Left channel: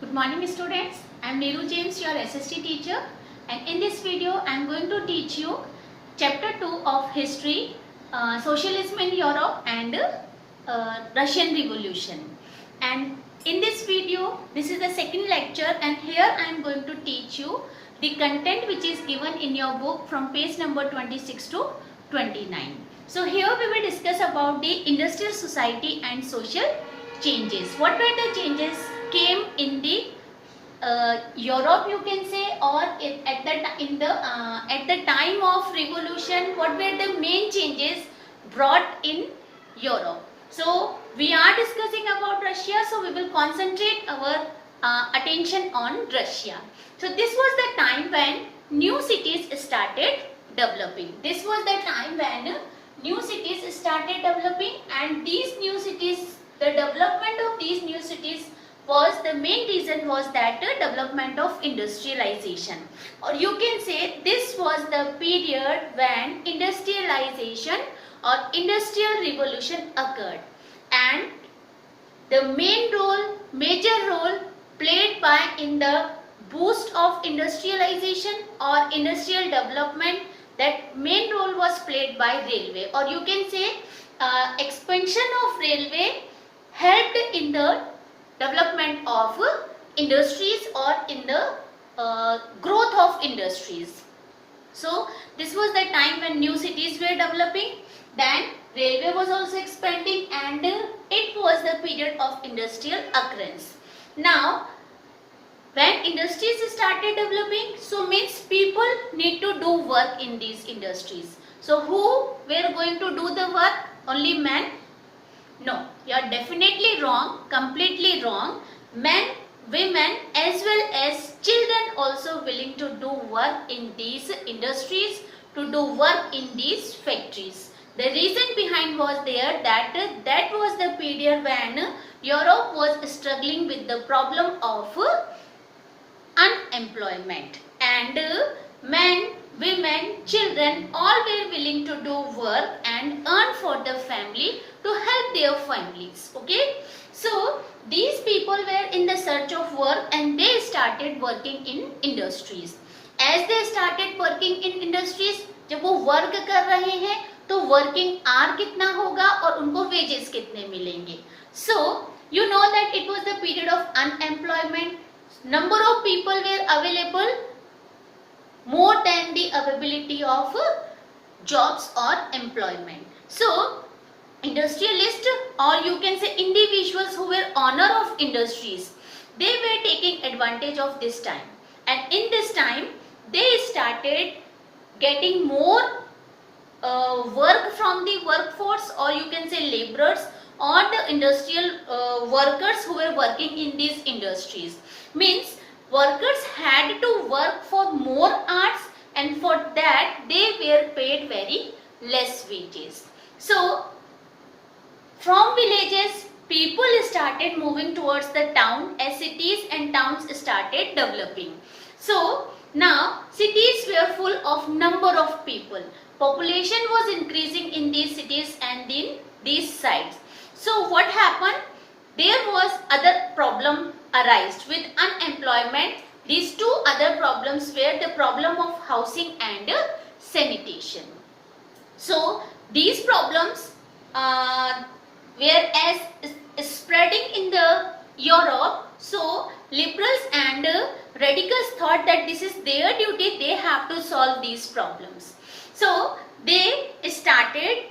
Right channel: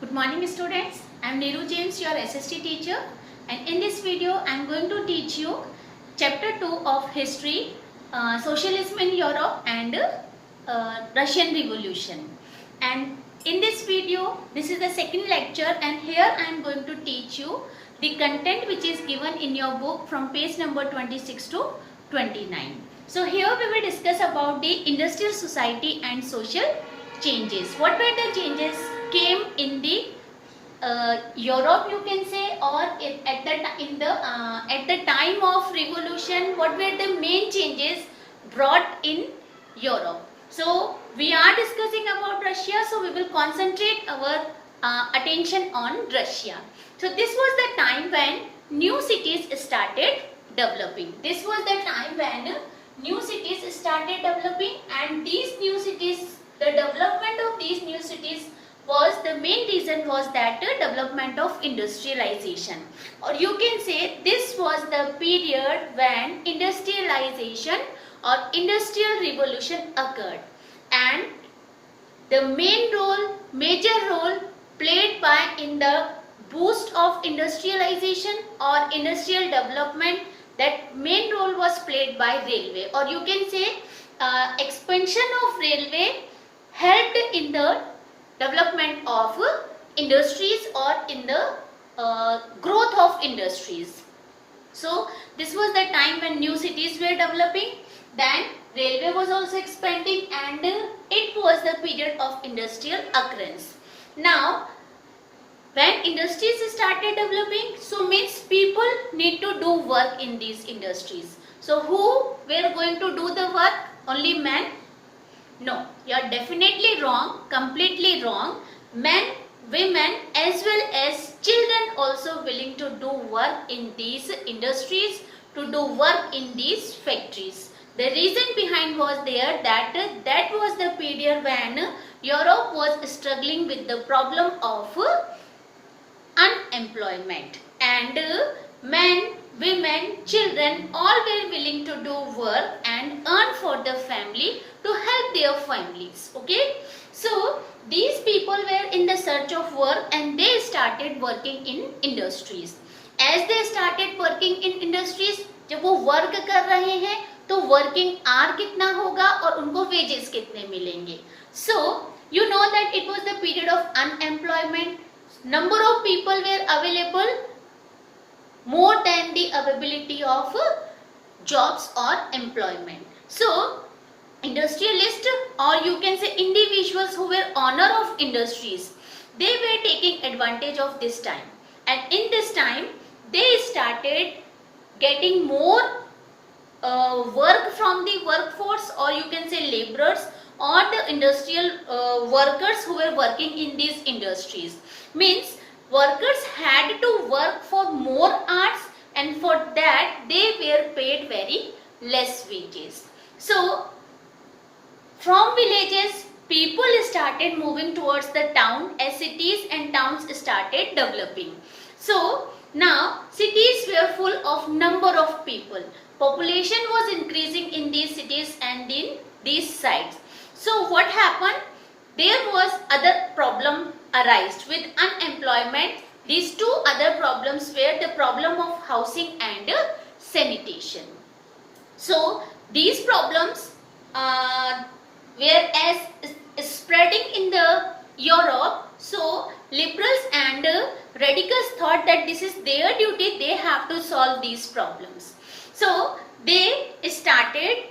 Good morning students, I am Neeru James, your SST teacher, and in this video I am going to teach you chapter 2 of history, socialism in Europe and Russian Revolution. And in this video, this is the second lecture, and here I am going to teach you the content which is given in your book from page number 26 to 29. So here we will discuss about the industrial society and social changes. What were the changes came in the Europe, you can say, or at the time of revolution? What were the main changes brought in Europe? So we are discussing about Russia, so we will concentrate our attention on Russia. So this was the time when new cities started developing. This was the time when new cities started developing, and these new cities, the development of these new cities was the main reason was that development of industrialization, or you can say this was the period when industrialization or industrial revolution occurred, and the major role played by in the boost of industrialization or industrial development, that main role was played by railway, or you can say expansion of railway helped in the development of industries or in the growth of industries. So this was the time when new cities were developing, then railway was also expanding, and it was the period of industrial occurrence. Now when industries started developing, so means people need to do work in these industries. So who were going to do the work? Only men? No, you are definitely wrong, completely wrong. Men, women as well as children also willing to do work in these industries, to do work in these factories. The reason behind was there that was the period when Europe was struggling with the problem of unemployment, and men, women, children all were willing to do work and earn for the family to help their families. Okay, so these people were in the search of work and they started working in industries. As they started working in industries, जब वो work कर रहे हैं तो working hour कितना होगा और उनको वेजेस कितने मिलेंगे. So you know that it was the period of unemployment. Number of people were available more than the availability of jobs or employment. So industrialists, or you can say individuals who were owner of industries, they were taking advantage of this time, and in this time they started getting more work from the workforce, or you can say laborers or the industrial workers who were working in these industries. Means workers had to work for more hours, and for that they were paid very less wages. So from villages people started moving towards the town as cities and towns started developing. So now cities were full of number of people. Population was increasing in these cities and in these sites. So what happened? There was other problem arised with unemployment. These two other problems were the problem of housing and sanitation. So these problems were as spreading in the Europe. So liberals and radicals thought that this is their duty, they have to solve these problems. So they started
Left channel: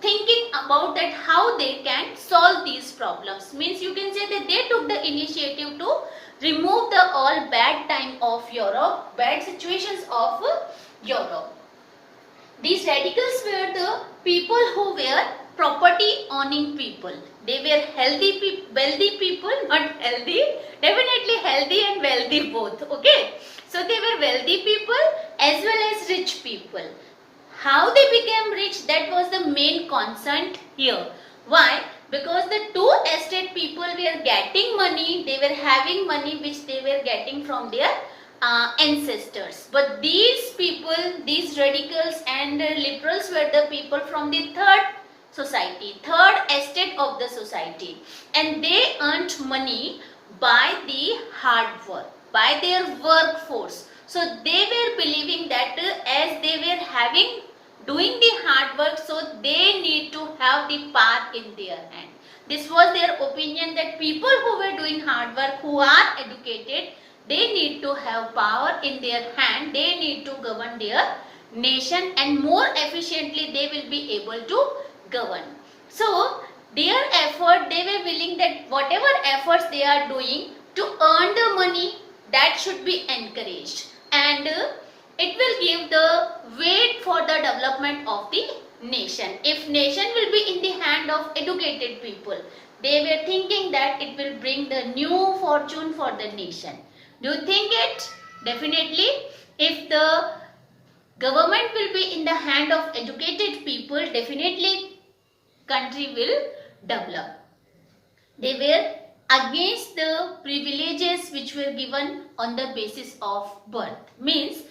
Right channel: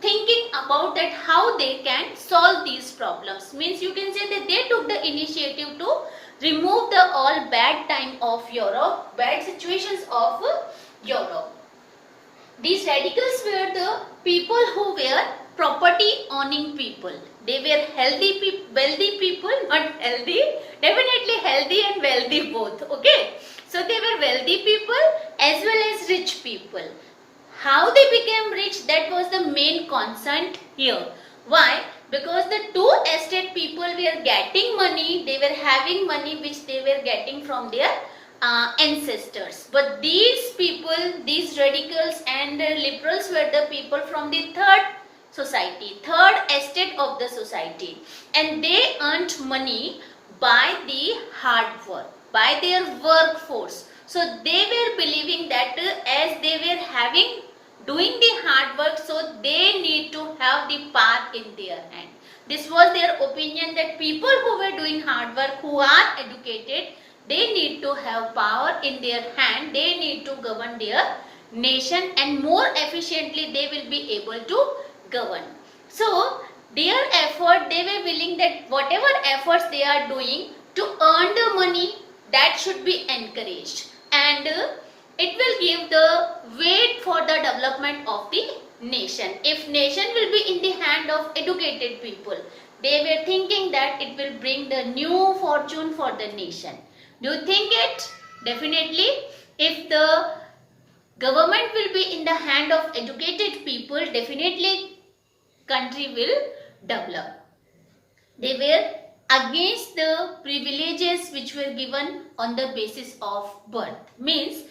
thinking about that how they can solve these problems. Means you can say that they took the initiative to remove the all bad time of Europe, bad situations of Europe. These radicals were the people who were property owning people. They were wealthy people, not healthy, definitely healthy and wealthy both. Okay, so they were wealthy people as well as rich people. How they became rich, that was the main concern here. Why? Because the two estate people were getting money, they were having money which they were getting from their ancestors. But these people, these radicals and the liberals were the people from the third society, third estate of the society, and they earned money by the hard work, by their workforce. So they were believing that as they were doing the hard work, so they need to have the power in their hand. This was their opinion, that people who were doing hard work, who are educated, they need to have power in their hand, they need to govern their nation, and more efficiently they will be able to govern. So their effort, they were willing that whatever efforts they are doing to earn the money, that should be encouraged, and it will give the weight for the development of the nation. If nation will be in the hand of educated people, they were thinking that it will bring the new fortune for the nation. Do you think it? Definitely. If the government will be in the hand of educated people, definitely country will develop. They were against the privileges which were given on the basis of birth. Means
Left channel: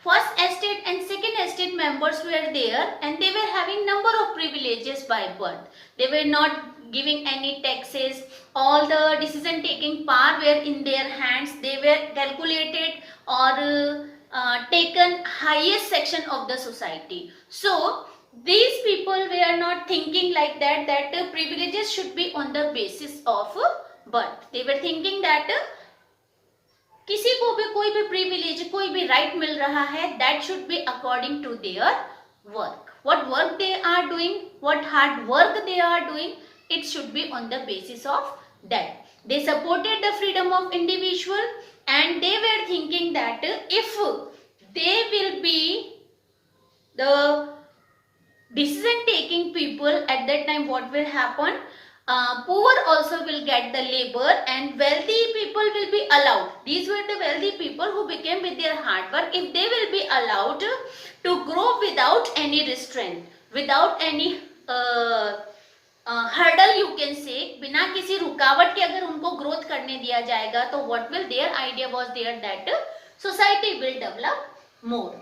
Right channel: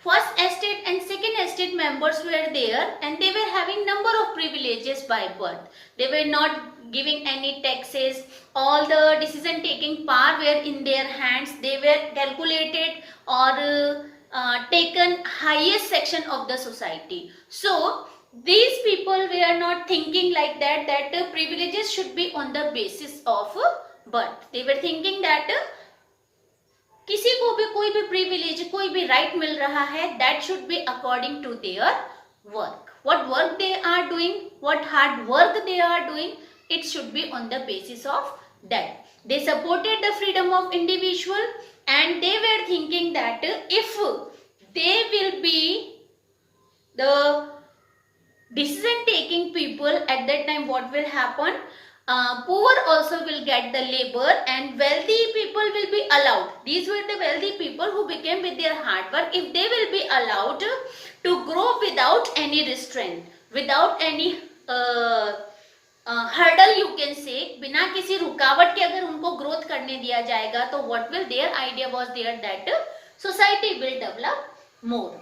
first estate and second estate members were there, and they were having number of privileges by birth. They were not giving any taxes. All the decision taking power were in their hands. They were calculated or taken highest section of the society. So these people were not thinking like that the privileges should be on the basis of birth. They were thinking that किसी को भी कोई भी privilege, कोई भी right मिल रहा है, that should be according to their work. What work they are doing, what hard work they are doing, it should be on the basis of that. They supported the freedom of individual, and they were thinking that if they will be the decision taking people at that time, what will happen? Poor also will get the labor, and wealthy people will be allowed. These were the wealthy people who became with their hard work. If they will be allowed to grow without any restraint, without any hurdle, you can say, बिना किसी रुकावट के अगर उनको growth करने दिया जाएगा, तो what will their idea was there that society will develop more.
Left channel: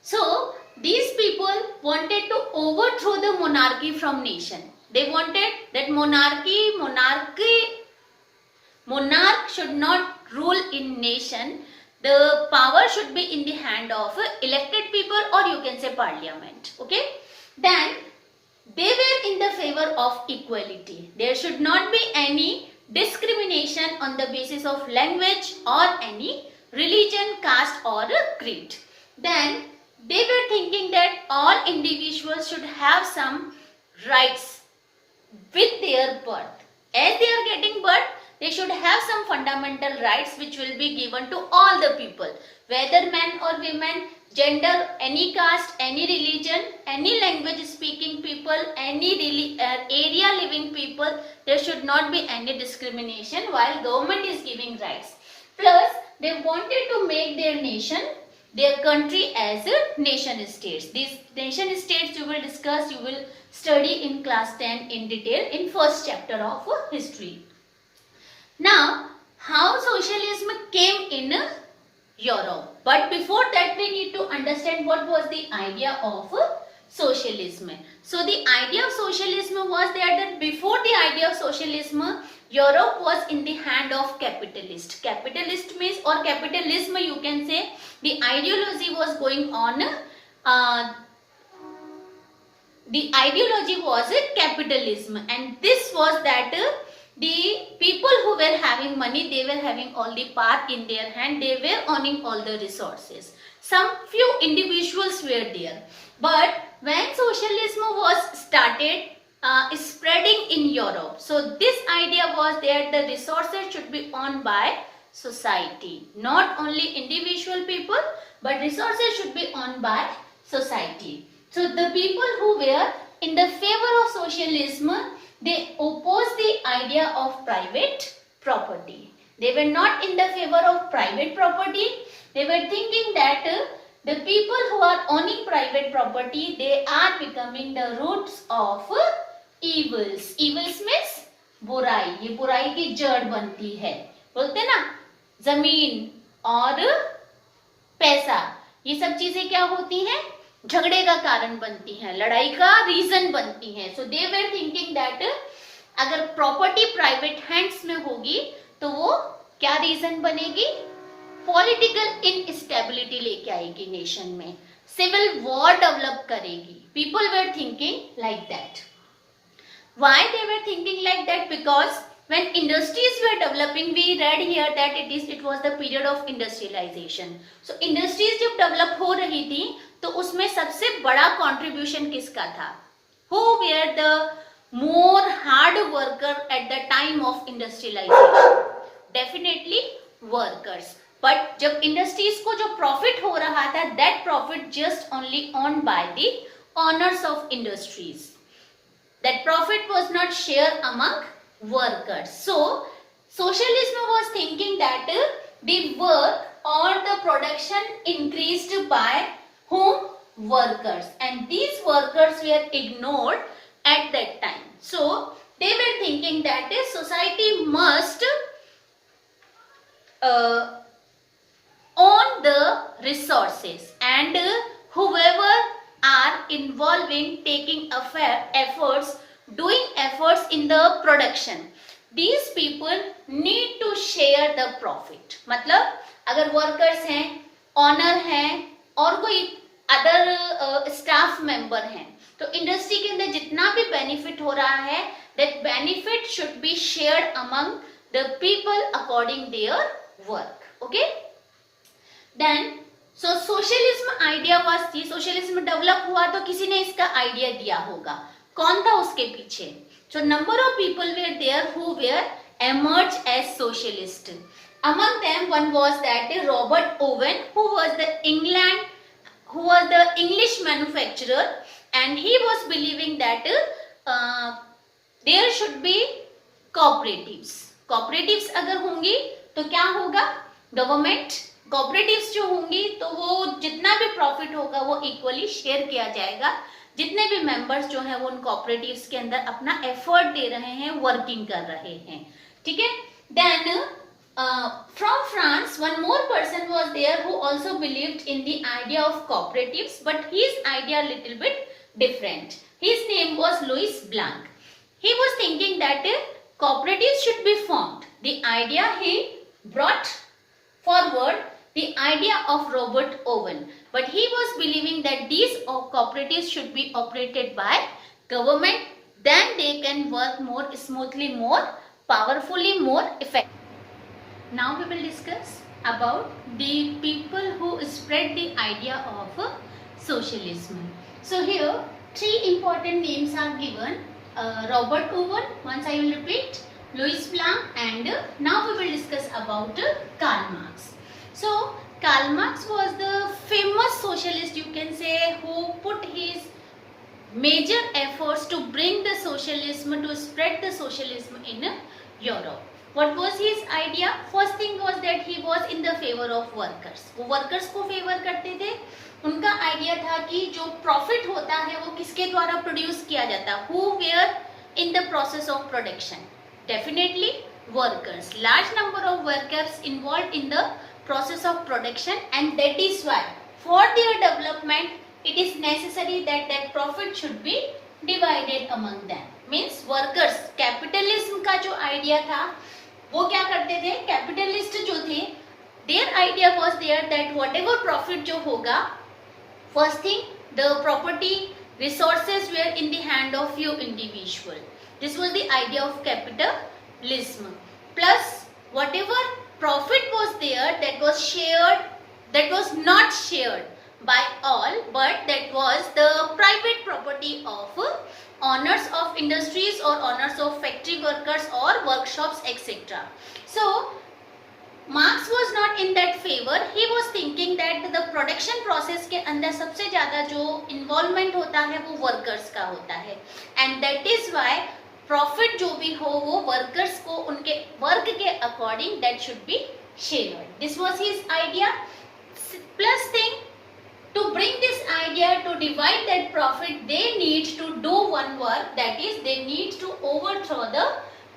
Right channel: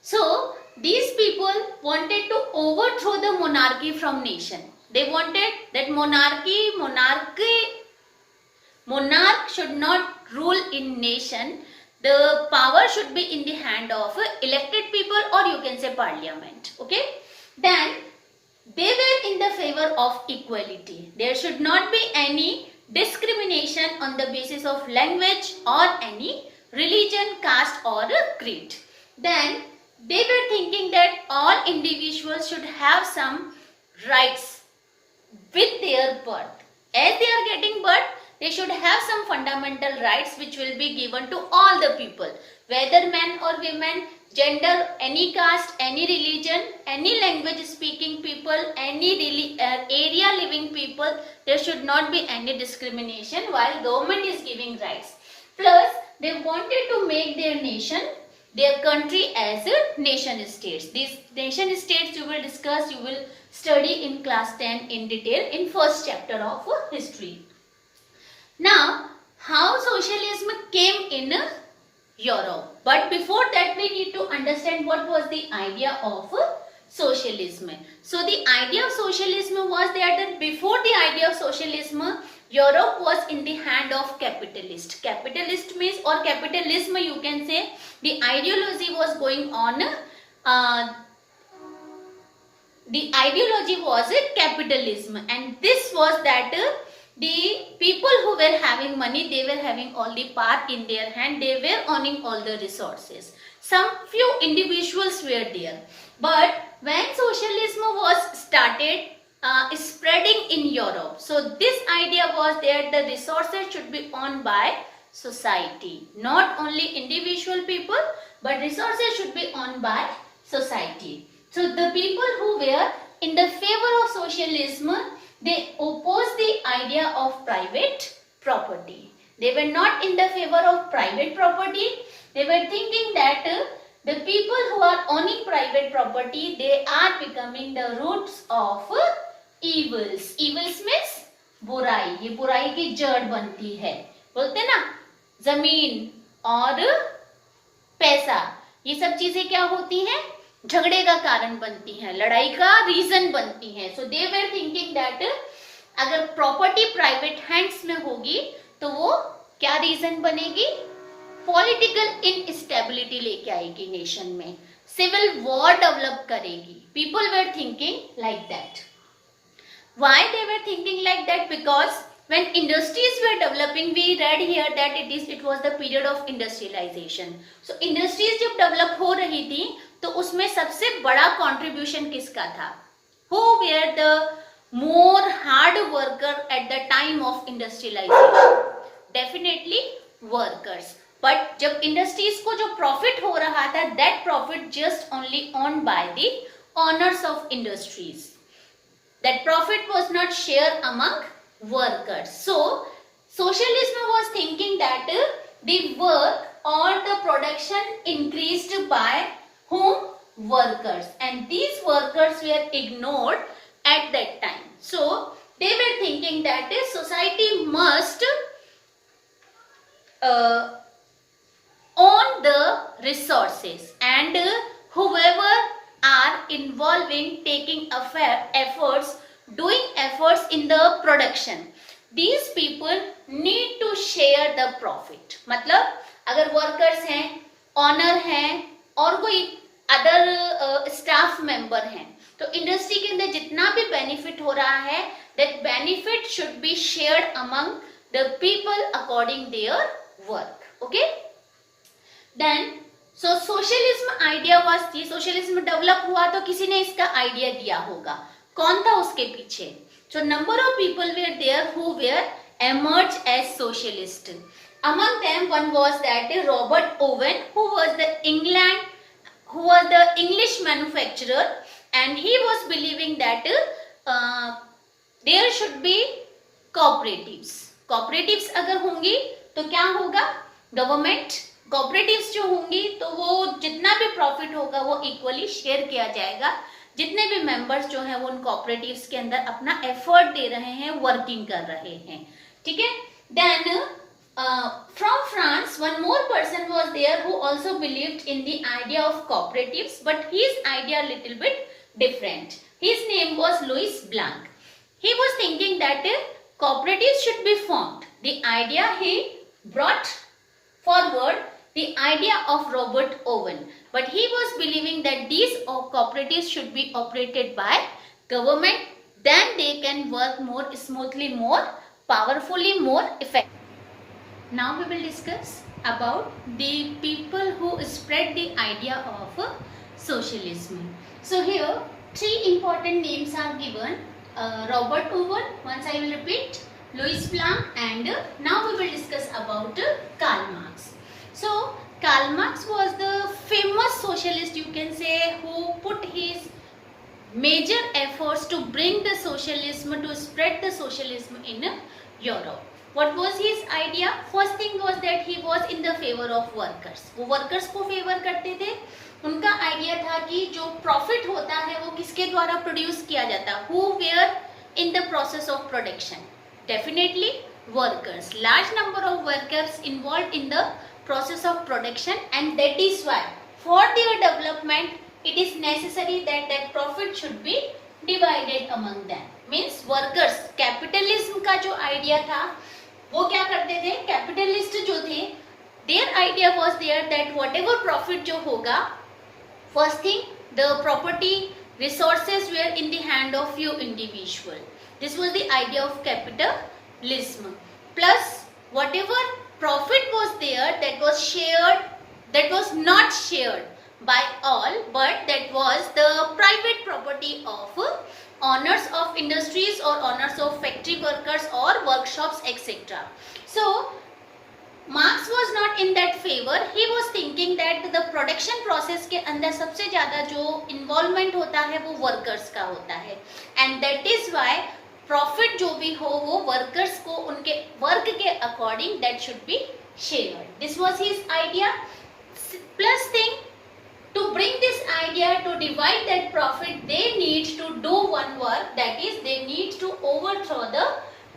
So these people wanted to overthrow the monarchy from nation. They wanted that monarch should not rule in nation. The power should be in the hand of elected people, or you can say parliament. Okay. Then they were in the favor of equality. There should not be any discrimination on the basis of language or any religion, caste or creed. Then they were thinking that all individuals should have some rights with their birth. As they are getting birth, they should have some fundamental rights which will be given to all the people, whether men or women, gender, any caste, any religion, any language speaking people, any area living people. There should not be any discrimination while government is giving rights. Plus, they wanted to make their nation, their country as a nation states. These nation states you will discuss, you will study in class 10 in detail in first chapter of history. Now, how socialism came in Europe. But before that, we need to understand what was the idea of socialism. So the idea of socialism was that before the idea of socialism, Europe was in the hand of capitalist. Capitalist means, or capitalism you can say, the ideology was going on. The ideology was capitalism, and this was that the people who were having money, they were having all the power in their hand, they were owning all the resources. Some few individuals were there. But when socialism was started spreading in Europe, so this idea was that the resources should be owned by society. Not only individual people, but resources should be owned by society. So the people who were in the favor of socialism, they opposed the idea of private property. They were not in the favor of private property. They were thinking that the people who are owning private property, they are becoming the roots of evils. Evils means बुराई. ये बुराई की जड़ बनती है. बोलते ना, जमीन और पैसा, ये सब चीजें क्या होती हैं? झगड़े का कारण बनती हैं, लड़ाई का रीजन बनती हैं. सो दे वर थिंकिंग दैट अगर प्रॉपर्टी प्राइवेट हैंड्स में होगी तो वो क्या रीजन बनेगी? पॉलिटिकल इनस्टेबिलिटी लेके आएगी नेशन में, सिविल वॉर डेवलप करेगी. People were thinking like that. Why they were thinking like that? Because when industries were developing, we read here that it was the period of industrialization. So industries जब develop हो रही थी तो उसमें सबसे बड़ा contribution किसका था? Who were the more hard worker at the time of industrialization? Definitely workers. But जब industries को जो profit हो रहा था, that profit just only owned by the owners of industries. That profit was not shared among workers. So, socialism was thinking that the work or the production increased by whom? Workers. And these workers were ignored at that time. So, they were thinking that society must own the resources, and whoever are involving taking efforts, doing efforts in the production, these people need to share the profit. मतलब अगर workers हैं, owner हैं और कोई other staff member हैं, तो industry के अंदर जितना भी बेनिफिट हो रहा है, that benefit should be shared among the people according their work. Okay? Then so socialism idea was थी. सोशलिज्म डेवलप हुआ तो किसी ने इसका आइडिया दिया होगा. कौन था उसके पीछे? So number of people were there who were emerged as socialist. Among them, one was that Robert Owen, who was the English manufacturer, and he was believing that there should be cooperatives. Cooperatives अगर होंगी तो क्या होगा? Government cooperatives जो होंगी तो वो जितना भी प्रॉफिट होगा वो इक्वली शेयर किया जाएगा. जितने भी मेंबर्स जो हैं वो उन कोऑपरेटिव्स के अंदर अपना एफर्ट दे रहे हैं, वर्किंग कर रहे हैं. ठीक है. Then from France one more person was there who also believed in the idea of cooperatives, but his idea little bit different. His name was Louis Blanc. He was thinking that cooperatives should be formed. The idea he brought forward the idea of Robert Owen, but he was believing that these cooperatives should be operated by government, then they can work more smoothly, more powerfully, more effectively. Now we will discuss about the people who spread the idea of socialism. So here three important names are given. Robert Owen, once I will repeat, Louis Blanc, and now we will discuss about Karl Marx. So Karl Marx was the famous socialist, you can say, who put his major efforts to bring the socialism, to spread the socialism in Europe. What was his idea? First thing was that he was in the favor of workers. वो workers को favor करते थे. उनका idea था कि जो profit होता है वो किसके द्वारा प्रोड्यूस किया जाता है? Who were in the process of production? Definitely workers. Large number of workers involved in the process of production, and that is why for their development it is necessary that that profit should be divided among them. Means workers. Capitalism का जो idea था वो क्या करते थे? Capitalist जो थे, their idea was there that whatever profit जो होगा, first thing, the property resources were in the hand of few individual. This was the idea of capitalism. Plus, whatever profit was there, that was shared, that was not shared by all, but that was the private property of owners of industries or owners of factory workers or workshops, etc. So, Marx was not in that favor. He was thinking that the production process के अंदर सबसे ज़्यादा जो involvement होता है वो workers का होता है, and that is why profit जो भी हो वो workers को उनके work के according that should be shared. This was his idea. Plus thing, to bring this idea to divide that profit, they need to do one work, that is they need to overthrow the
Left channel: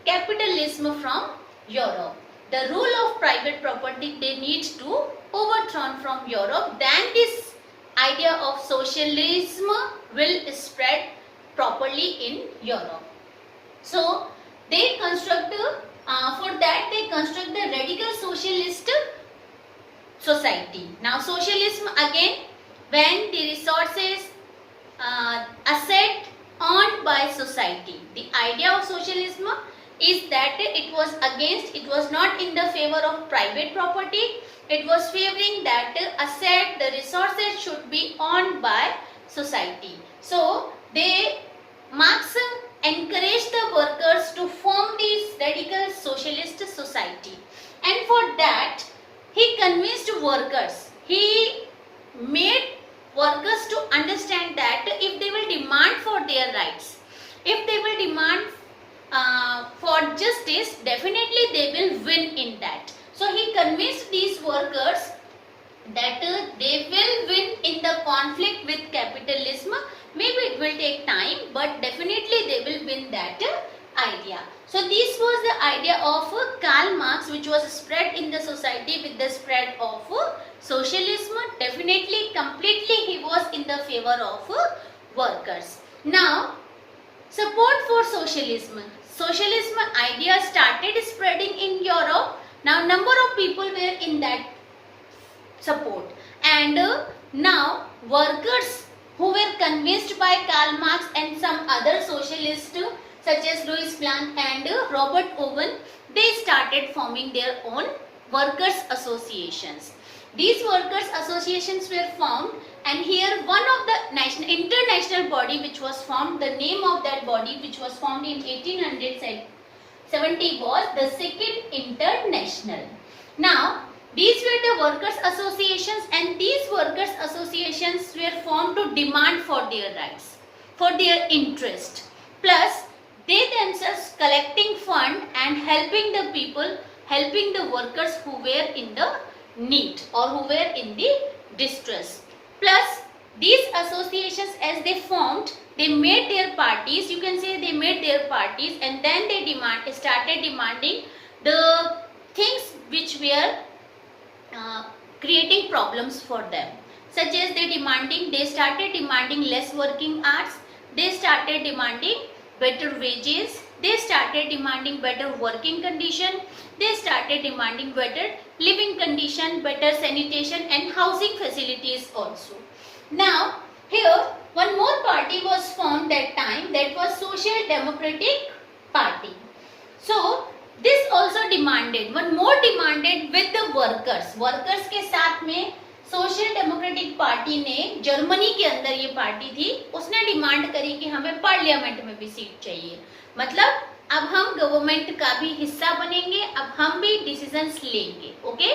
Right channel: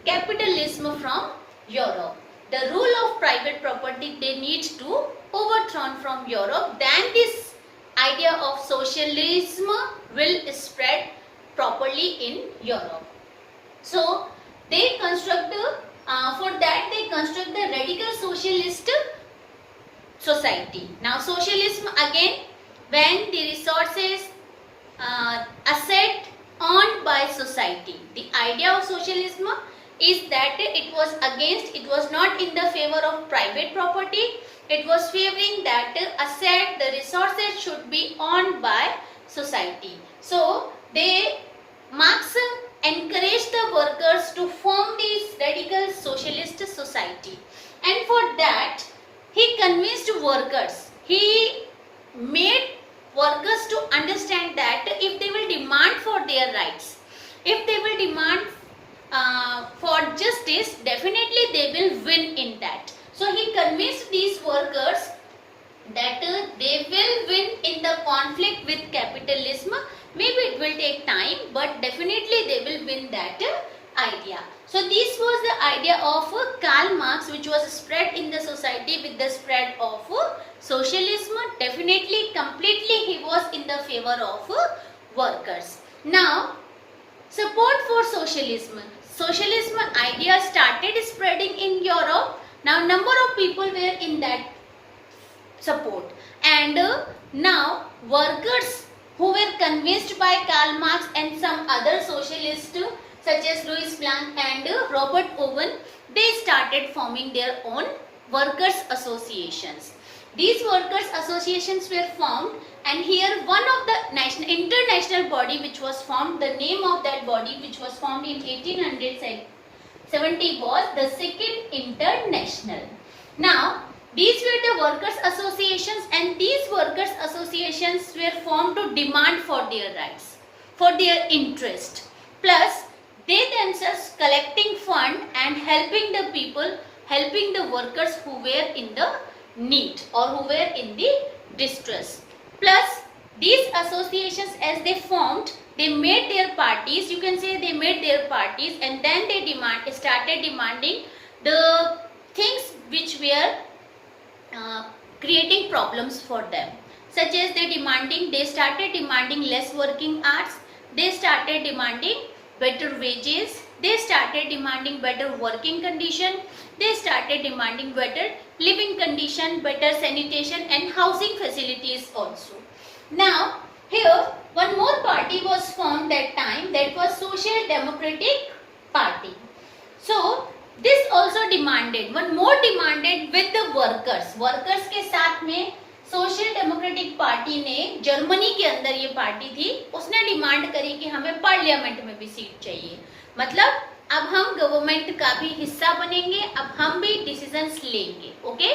capitalism from Europe. The rule of private property they need to overthrow from Europe. Then this idea of socialism will spread properly in Europe. So they construct For that they construct the radical socialist society. Now socialism again, when the resources asset owned by society. The idea of socialism is that it was not in the favor of private property. It was favoring that the resources should be owned by society. So Marx encouraged the workers to form this radical socialist society, and for that he convinced workers. He made workers to understand that if they will demand for their rights, if they will demand for justice, definitely they will win in that. So he convinced these workers that they will win in the conflict with capitalism. Maybe it will take time, but definitely they will win that idea. So this was the idea of Karl Marx, which was spread in the society with the spread of socialism. Definitely, completely he was in the favor of workers. Now, support for socialism. Socialism idea started spreading in Europe. Now, number of people were in that support, and now workers who were convinced by Karl Marx and some other socialists such as Louis Blanc and Robert Owen, they started forming their own workers associations. These workers associations were formed, and here one of the international body which was formed, the name of that body which was formed in 1870 was the Second International. Now these were the workers associations, and these workers associations were formed to demand for their rights, for their interest. Plus, they themselves collecting fund and helping the people, helping the workers who were in the need or who were in the distress. Plus, these associations as they formed, they made their parties, you can say they made their parties, and then they started demanding the things which were creating problems for them, such as they started demanding less working hours, they started demanding better wages, they started demanding better working condition, they started demanding better living condition, better sanitation and housing facilities also. Now here one more party was formed that time, that was Social Democratic Party. So this also demanded, one more demanded with the workers के साथ में social democratic party ने, Germany के अंदर ये party थी, उसने demand करी कि हमें पार्लियामेंट में भी सीट चाहिए, मतलब अब हम गवर्नमेंट का भी हिस्सा बनेंगे, अब हम भी डिसीजंस लेंगे. Okay,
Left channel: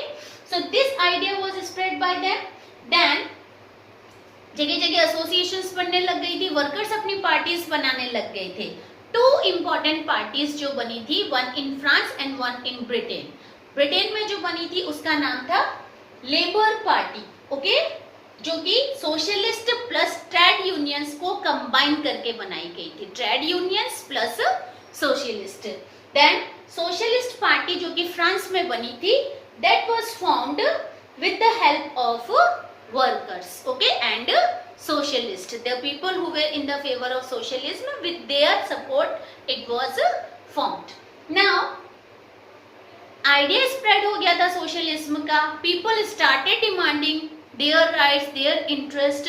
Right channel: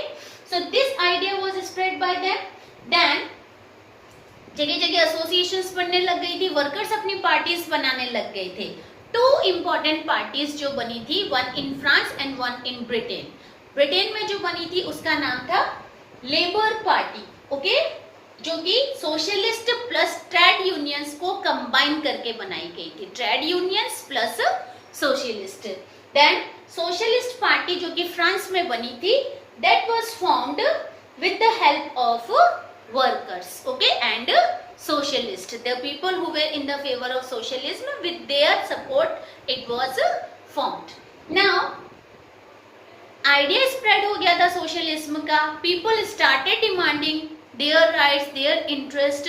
so this idea was spread by them. Then जगह जगह एसोसिएशंस बनने लग गई थी, वर्कर्स अपनी पार्टीज बनाने लग गए थे. टू इम्पोर्टेंट पार्टीज जो बनी थी, one in France and one in Britain. Britain में जो बनी थी उसका नाम था लेबर पार्टी. ओके, जो कि सोशलिस्ट प्लस ट्रेड यूनियंस को कंबाइन करके बनाई गई थी, trade unions plus socialist. Then socialist party जो कि फ्रांस में बनी थी, that was formed with the help of workers, okay, and socialists, the people who were in the favor of socialism, with their support it was formed. Now idea spread हो गया था socialism का, people started demanding their rights, their interest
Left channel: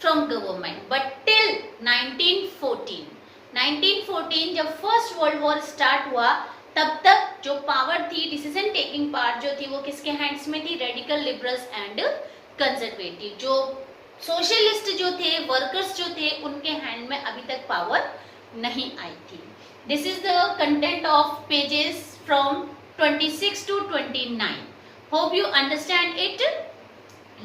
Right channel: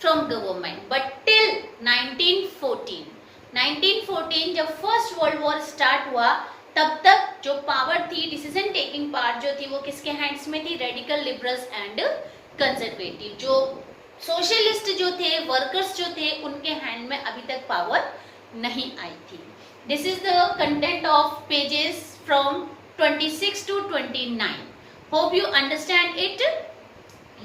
from government, but till 1914 जब first world war start हुआ, तब तक जो power थी, डिसीजन टेकिंग पावर जो थी, वो किसके हैंड्स में थी? Radical liberals and conservative. जो सोशलिस्ट जो थे, वर्कर्स जो थे, उनके हैंड में अभी तक पावर नहीं आई थी. This is the content of pages from 26 to 29. Hope you understand it.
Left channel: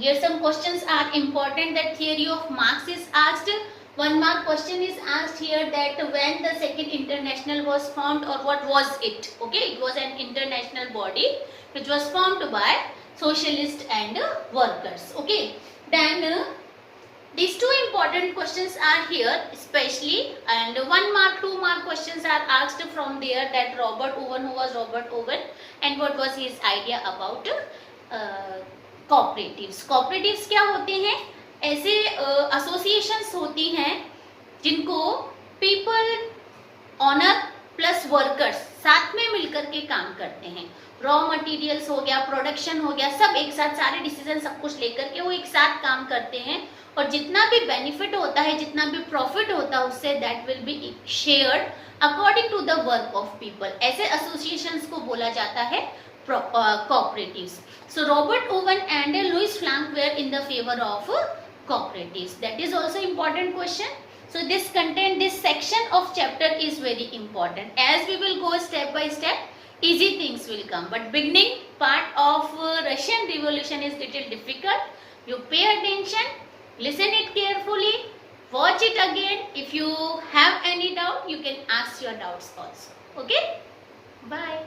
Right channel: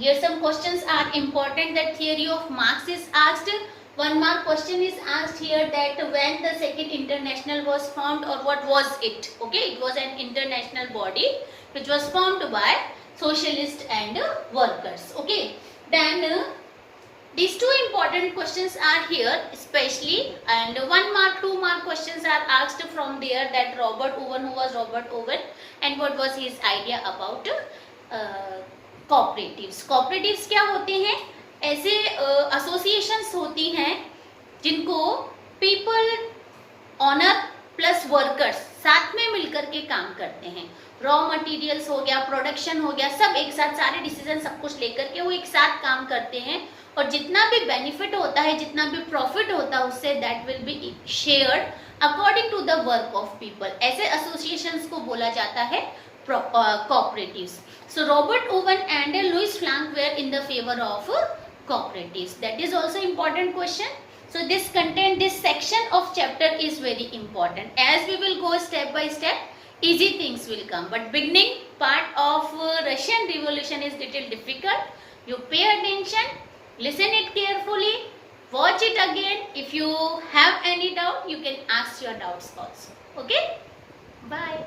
Here some questions are important. That theory of Marx is asked. 1 mark question is asked here, that when the Second International was formed, or what was it? Okay, it was an international body which was formed by socialists and workers. Okay, then these two important questions are here especially, and 1 mark 2 mark questions are asked from there, that Robert Owen, who was Robert Owen, and what was his idea about cooperatives. cooperatives क्या होते हैं? ऐसे associations होती हैं जिनको people honour plus workers साथ में मिलकर के काम करते हैं। रॉ मटेरियल्स हो गया, प्रोडक्शन हो गया, सब एक साथ, सारे डिसीजन सब कुछ लेकर के वो एक साथ काम करते हैं और जितना भी बेनिफिट होता है, जितना भी प्रॉफिट होता है उससे that will be shared according to the work of people. ऐसे एसोसिएशंस को बोला जाता है cooperatives. So Robert Owen and Louis Frank were in the favor of cooperatives. That is also important question. So this content, this section of chapter is very important. As we will go step by step, easy things will come. But beginning part of Russian Revolution is little difficult. You pay attention, listen it carefully, watch it again. If you have any doubt, you can ask your doubts also. Okay? Bye.